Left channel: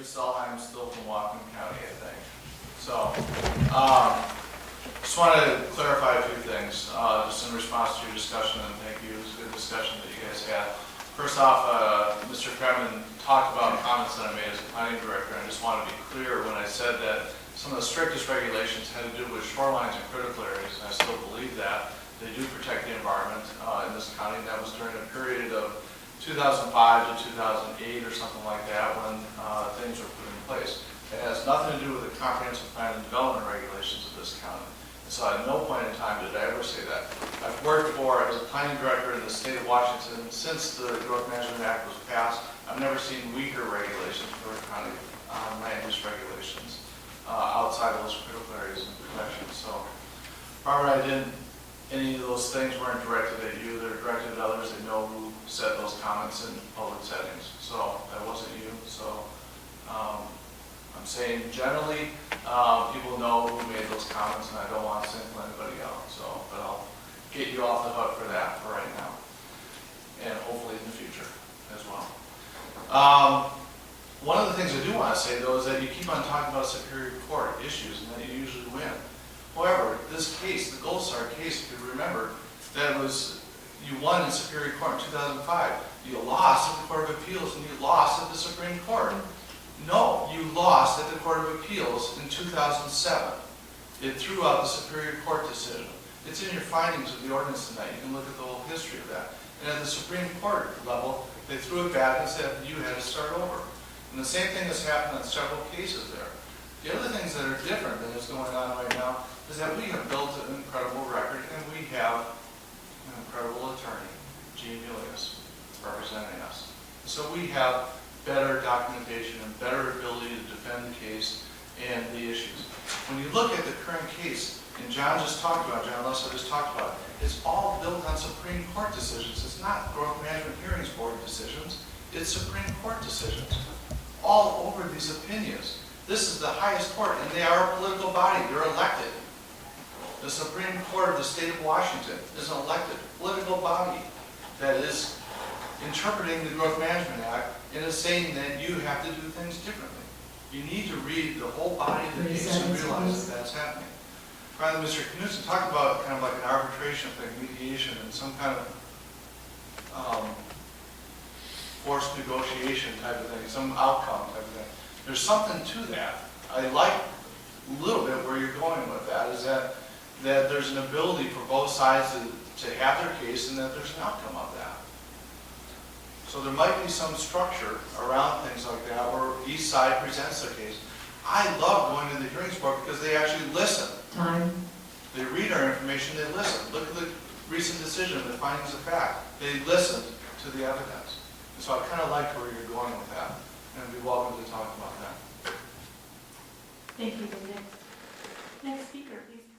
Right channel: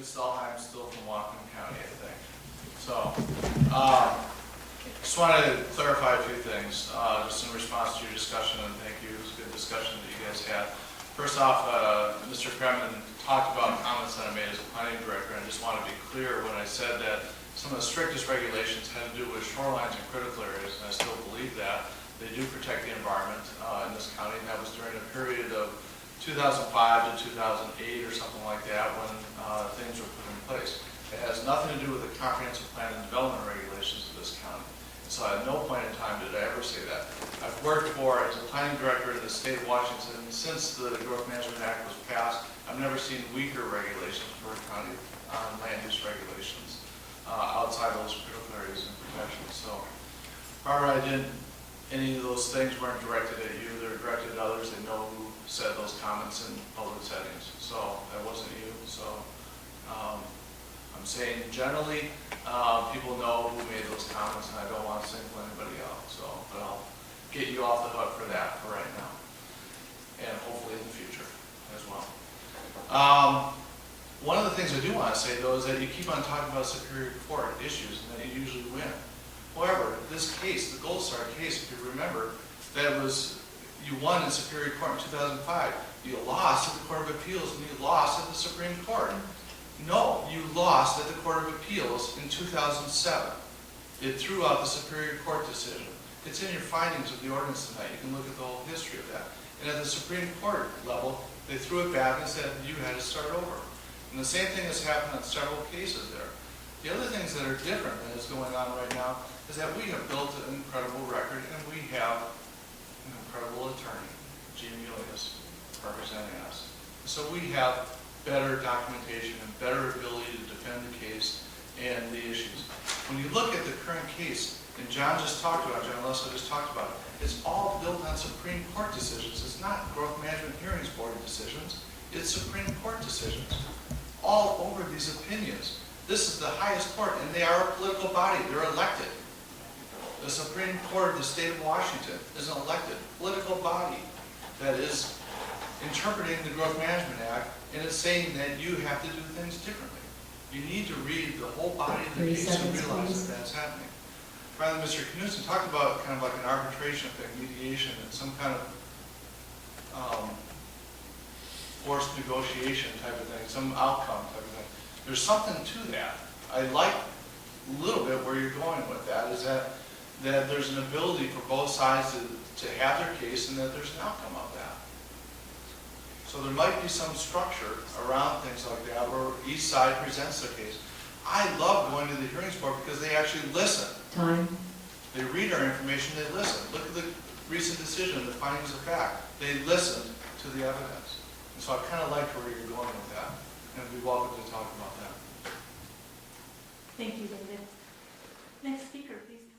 David Stalheim, still from Whatcom County, I think. So, just wanted to clarify a few things, just in response to your discussion, and thank you. It was a good discussion that you guys had. First off, Mr. Kremen talked about comments that I made as a planning director, and I just want to be clear when I said that some of the strictest regulations had to do with shorelines and critical areas, and I still believe that. They do protect the environment in this county, and that was during a period of 2005 to 2008 or something like that when things were put in place. It has nothing to do with the comprehensive plan and development regulations of this county. So at no point in time did I ever say that. I've worked as a planning director in the state of Washington since the Growth Management Act was passed. I've never seen weaker regulations for a county land use regulations outside those critical areas and protections. So, Barbara, any of those things weren't directed at you. They're directed at others. They know who said those comments in public settings. So that wasn't you. So I'm saying generally, people know who made those comments, and I don't want to single anybody out. So, but I'll get you off the hook for that for right now, and hopefully in the future as well. One of the things I do want to say, though, is that you keep on talking about Superior Court issues, and that you usually win. However, this case, the Gold Star case, if you remember, you won in Superior Court in 2005. You lost at the Court of Appeals, and you lost at the Supreme Court. No, you lost at the Court of Appeals in 2007. It threw out the Superior Court decision. It's in your findings of the ordinance tonight. You can look at the whole history of that. And at the Supreme Court level, they threw it back and said you had to start over. And the same thing has happened in several cases there. The other things that are different than is going on right now is that we have built an incredible record, and we have an incredible attorney, Gene Milius, representing us. So we have better documentation and better ability to defend the case and the issues. When you look at the current case, and John Leslie just talked about it, it's all built on Supreme Court decisions. It's not Growth Management Hearings Board decisions. It's Supreme Court decisions. All over these opinions. This is the highest court, and they are a political body. They're elected. The Supreme Court of the state of Washington is an elected political body that is interpreting the Growth Management Act and is saying that you have to do things differently. You need to read the whole body of the case and realize that that's happening. Rather, Mr. Knudsen talked about kind of like an arbitration thing, mediation, and some kind of forced negotiation type of thing, some outcome type of thing. There's something to that. I like a little bit where you're going with that, is that there's an ability for both sides to have their case and that there's an outcome of that. So there might be some structure around things like that where each side presents their case. I love going to the hearings board because they actually listen. Time. They read our information, they listen. Look at the recent decision, the findings of fact. They listened to the evidence. And so I kind of liked where you're going with that. And I'd be welcome to talk about that. Thank you, David. Next speaker, please.